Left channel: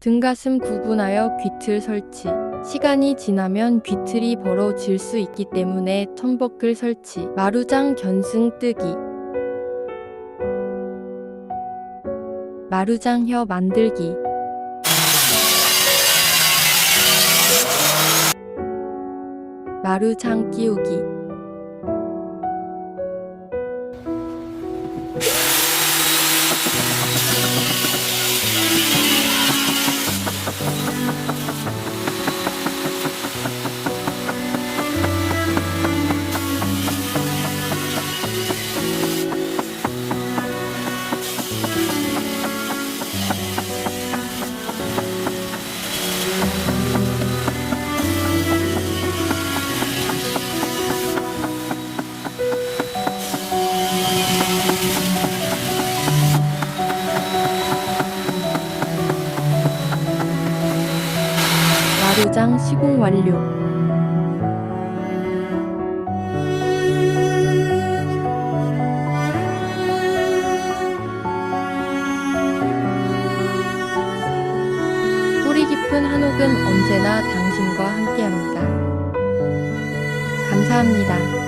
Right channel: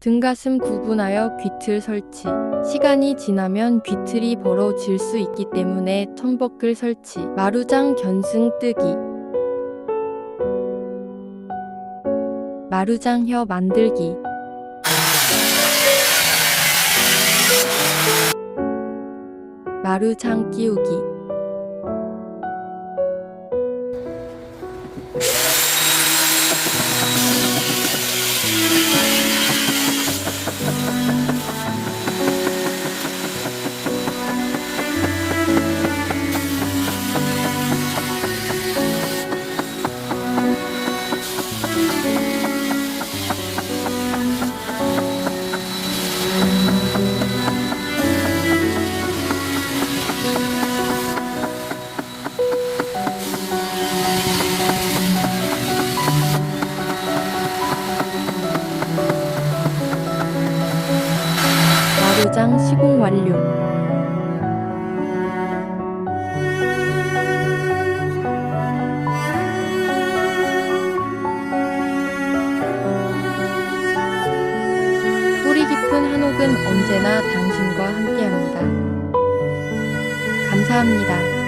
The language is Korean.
등가슴 구분하여 귀틀 설치. 시간이 지나면 귀틀이 벌어질 수 있기 때문에 천버클 설치. 마루장 견승 뜨기. 마루장 혀 만들기. 마루장 끼우기. 마루장 시공 완료. 뿌리 깊은 한옥은 언제나 당신과 함께합니다. 감사합니다.